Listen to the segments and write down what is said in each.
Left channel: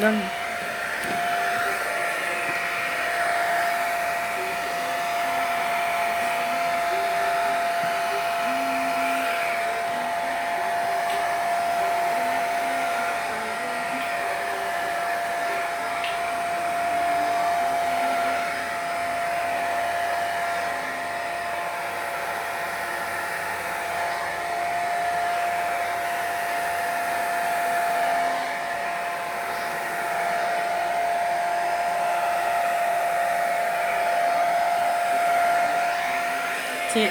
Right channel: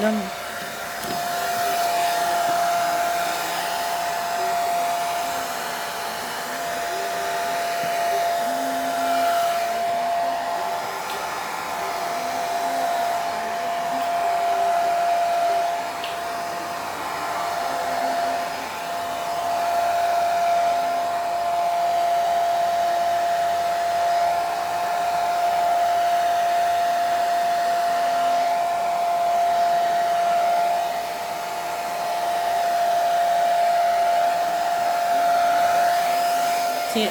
Donne. Tiens.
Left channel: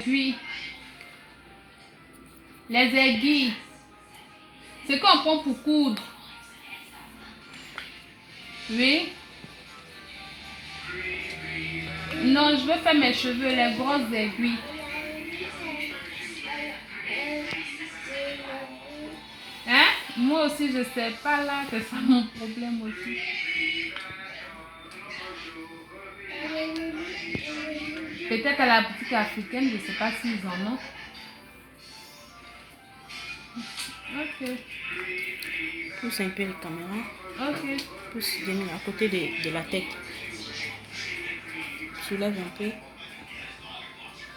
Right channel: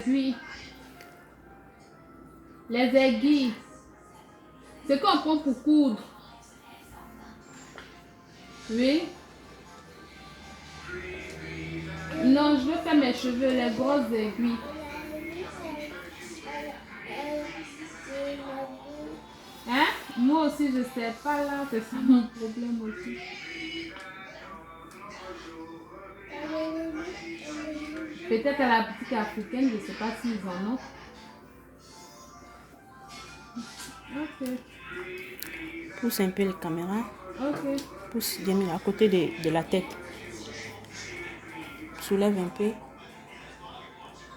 Puis, les aiguilles, c'est qu'on prend pour coudre. Oui. Non, je veux faire mes cheveux, les grosses aiguilles. Hein? Moi aussi, je sais pas là, c'est ça mon problème aussi. Peut-être à la boutique africaine, je ne sais pas s'ils en ont. Ok. Pousse un peu la caméra. Ok. Pousse à côté de la tête. Soulève un peu.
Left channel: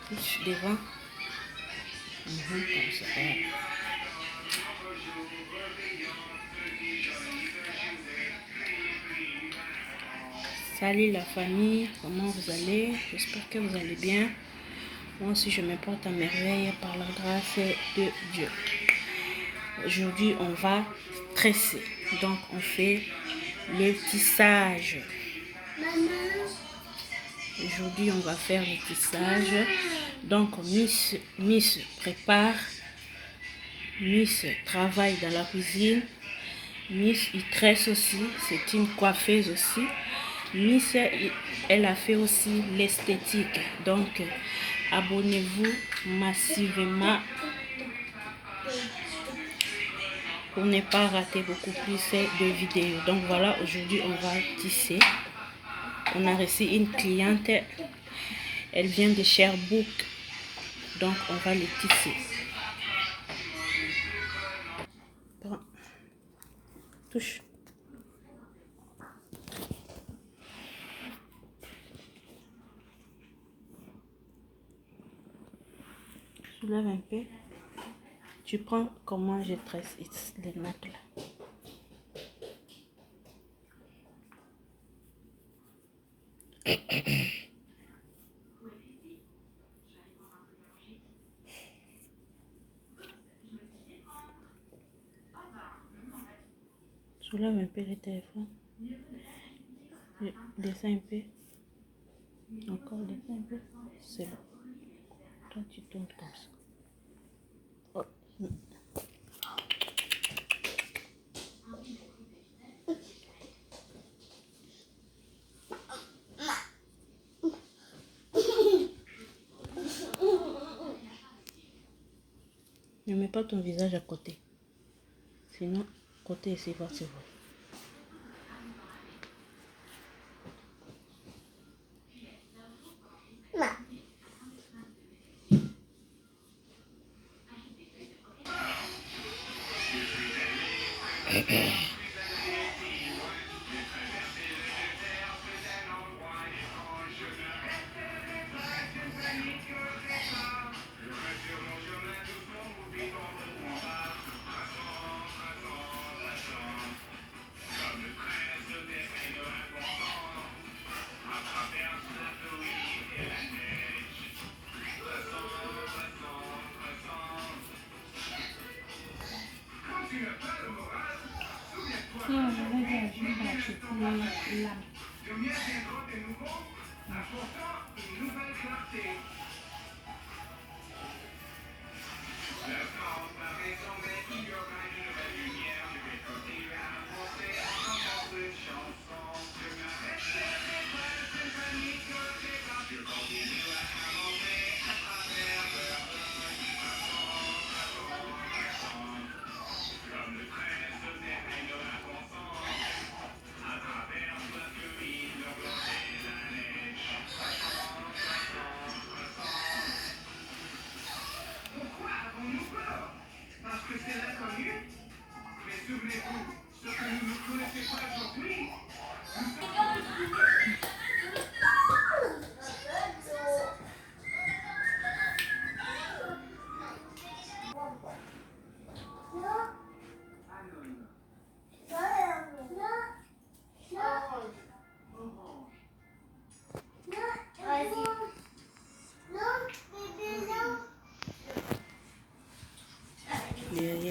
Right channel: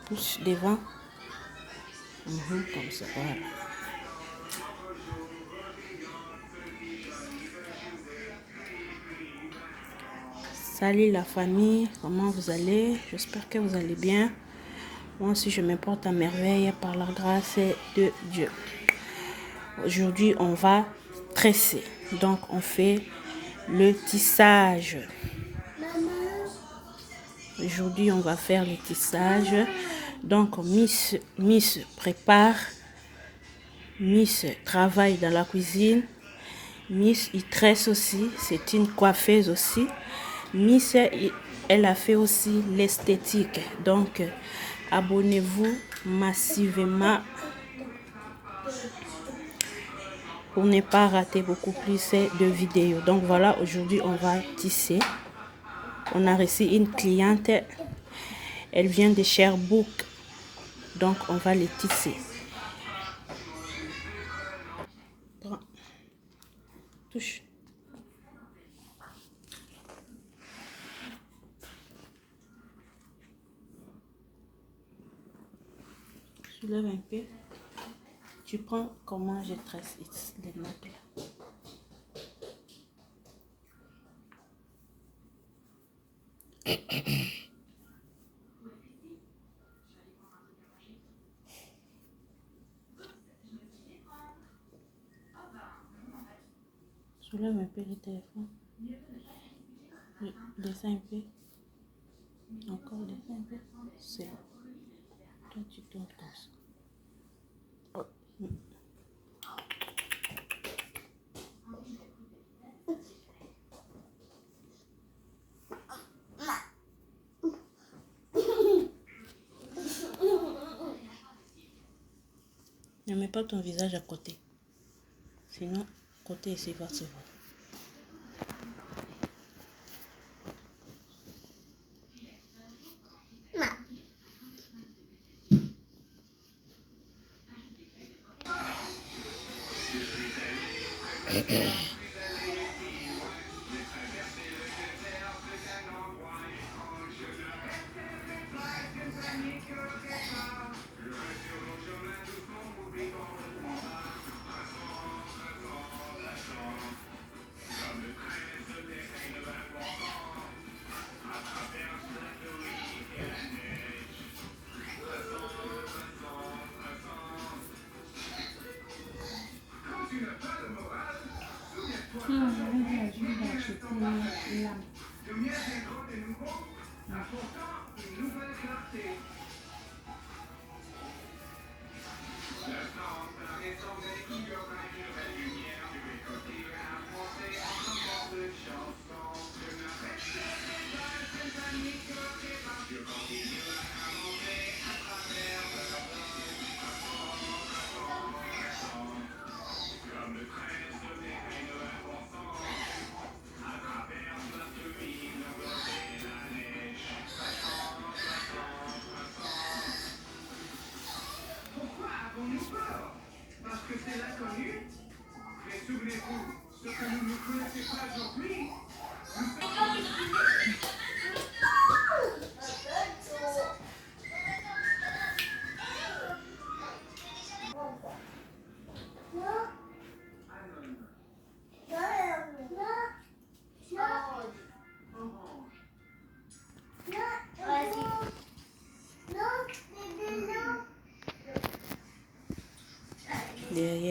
Pousse devant. Comme ça. Voilà. Salut la famille, comment vous allez? J'espère que vous allez bien. Moi aussi je me porte à merveille par la grâce de Dieu. Aujourd'hui on va tresser. Donc on fait le tissage. Aujourd'hui on va faire le tissage. Donc Miss prépare. Miss travaille dans la cuisine. Miss il tresse aussi. C'est une coiffeuse aussi. Miss, elle a fait aussi l'esthétique. Donc, abonnez-vous massivement pour ne pas rater beaucoup plus de vidéos. Donc, voilà, aujourd'hui, on va tisser. On a reçu une cliente. Elle vient de Sherbrooke. Donc, on va les tisser. Prends. Touche. Soulève un peu. Tu prends comment je tresse les nattes là. Soulève un peu le téléphone. Descends un peu. Encore descends un peu. C'est bon. Toi, tu tournes comme ça. Oh. Ne mets pas ton visage à côté. Sinon, côté ici va se voir.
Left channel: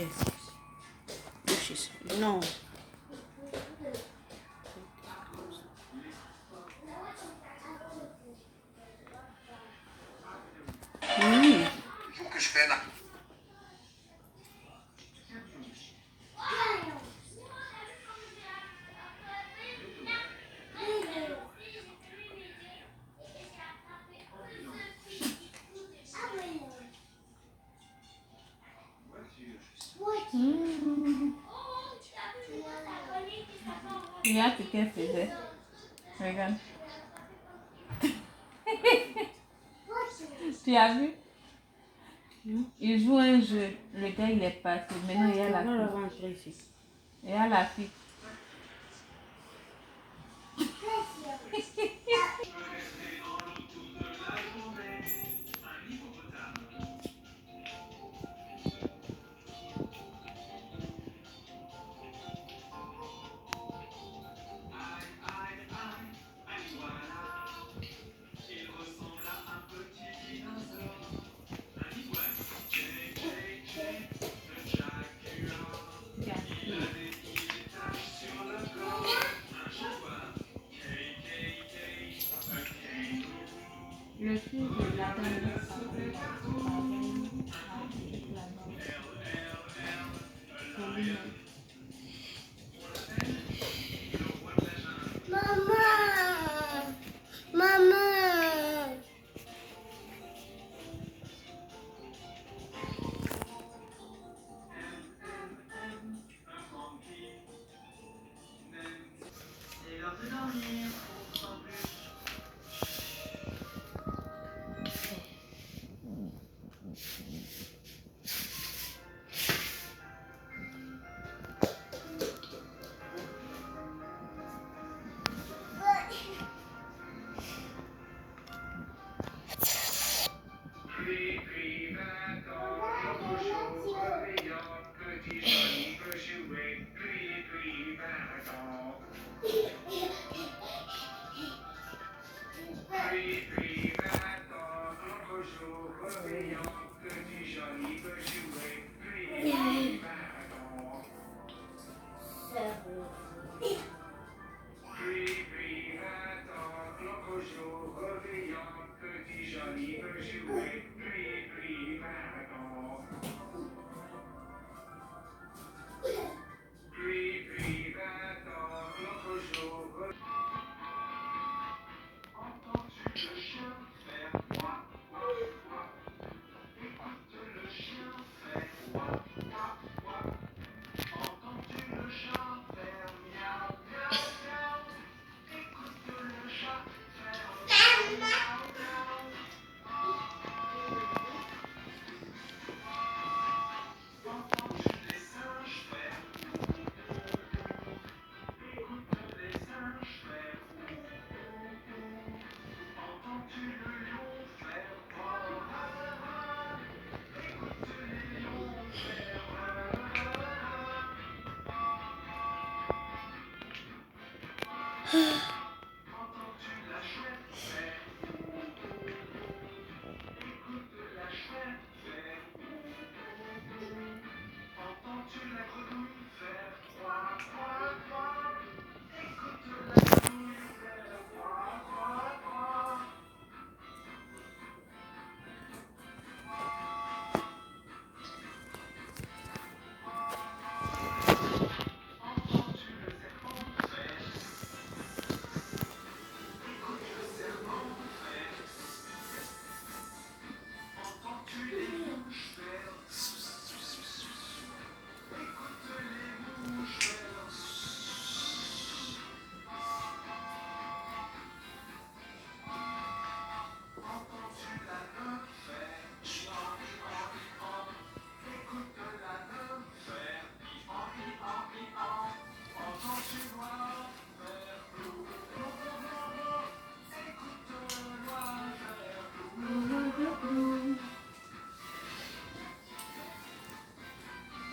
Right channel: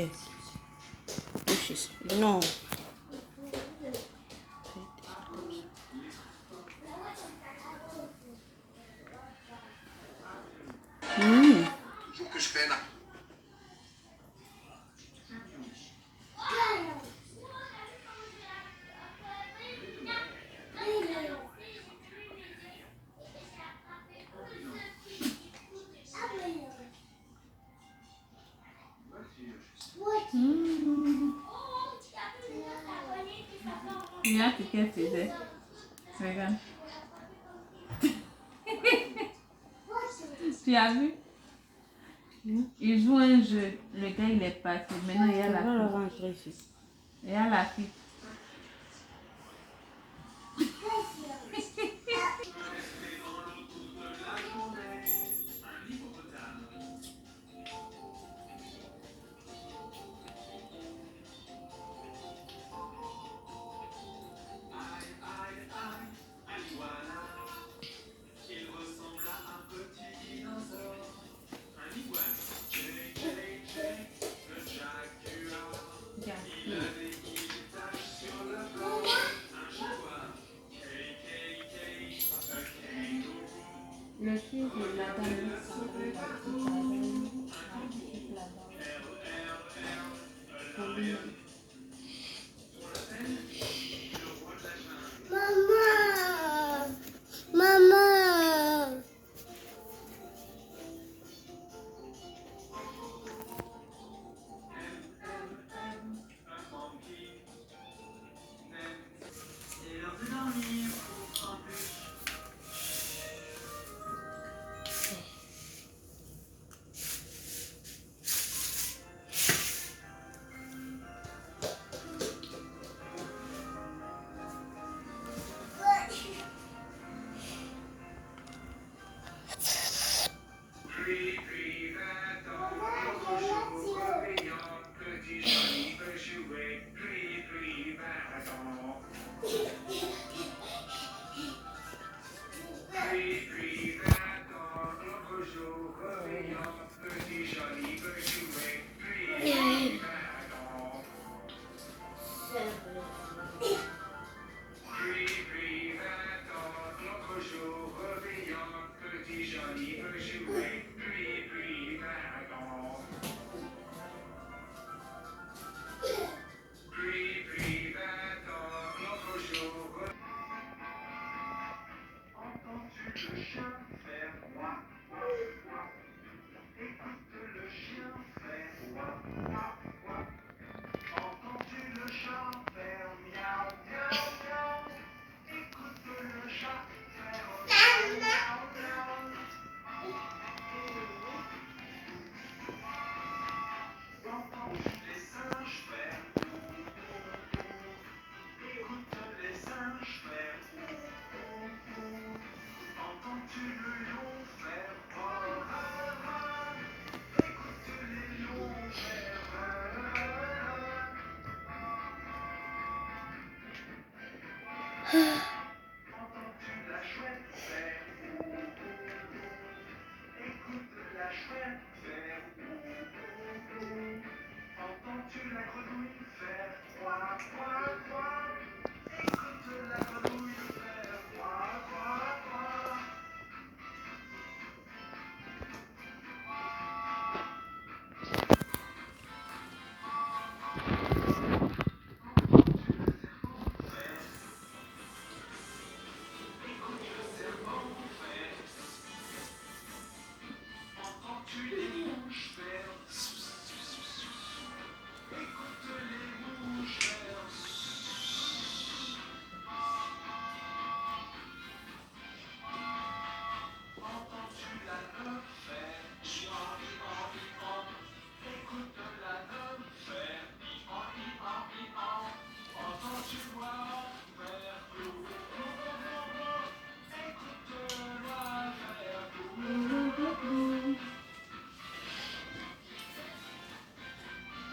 Yes. Non. Il faut que je fasse un... Regarde ce qu'elle faisait. Regarde. Tu as vu? Il joue un jeu. Le gars, il est parti. Maintenant, il y a la On va le fille. rentrer ici. Il y a la fille. Le fils de la Maman, maman.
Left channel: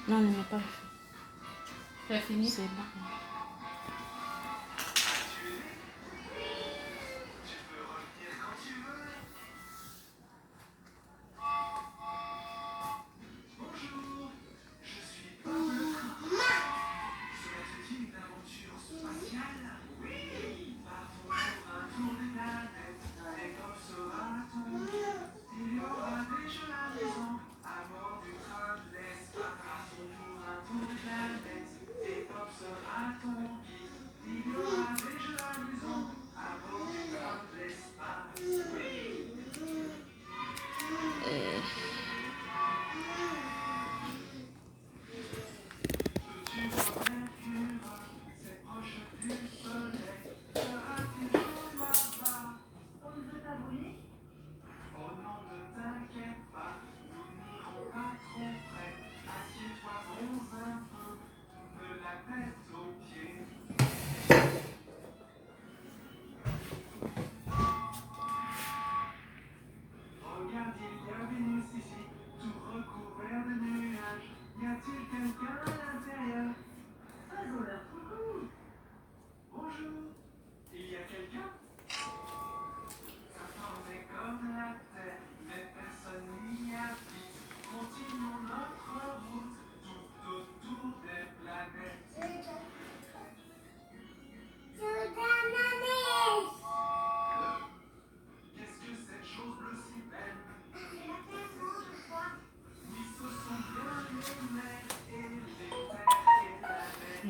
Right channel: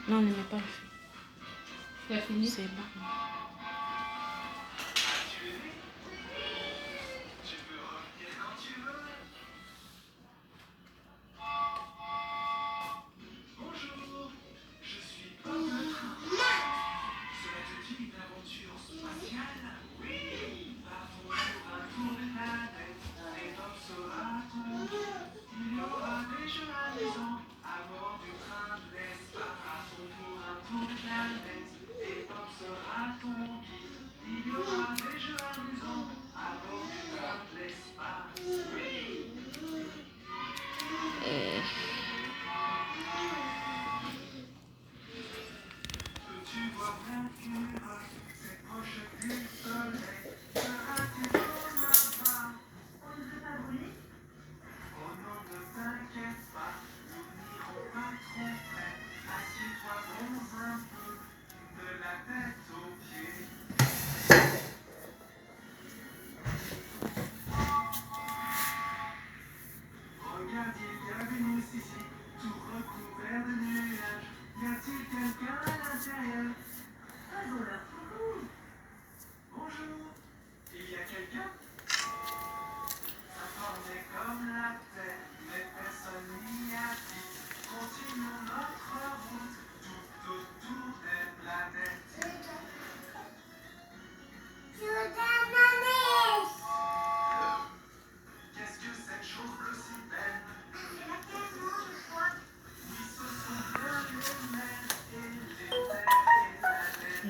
Non, on n'a pas fait. C'est fini? C'est bon.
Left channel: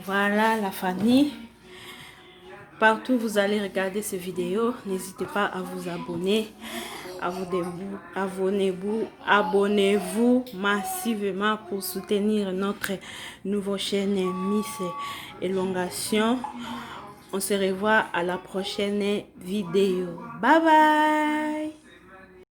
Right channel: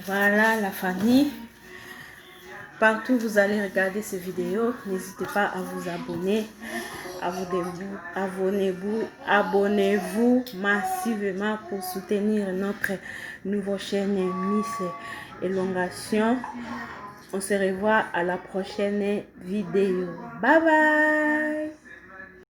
Voilà la famille. Partout où vous allez regarder ces vidéos, n'hésitez pas à vous abonner. Abonnez-vous massivement pour soutenir notre nouvelle chaîne Miss Élongation. On se revoit à la prochaine vidéo. Bye bye.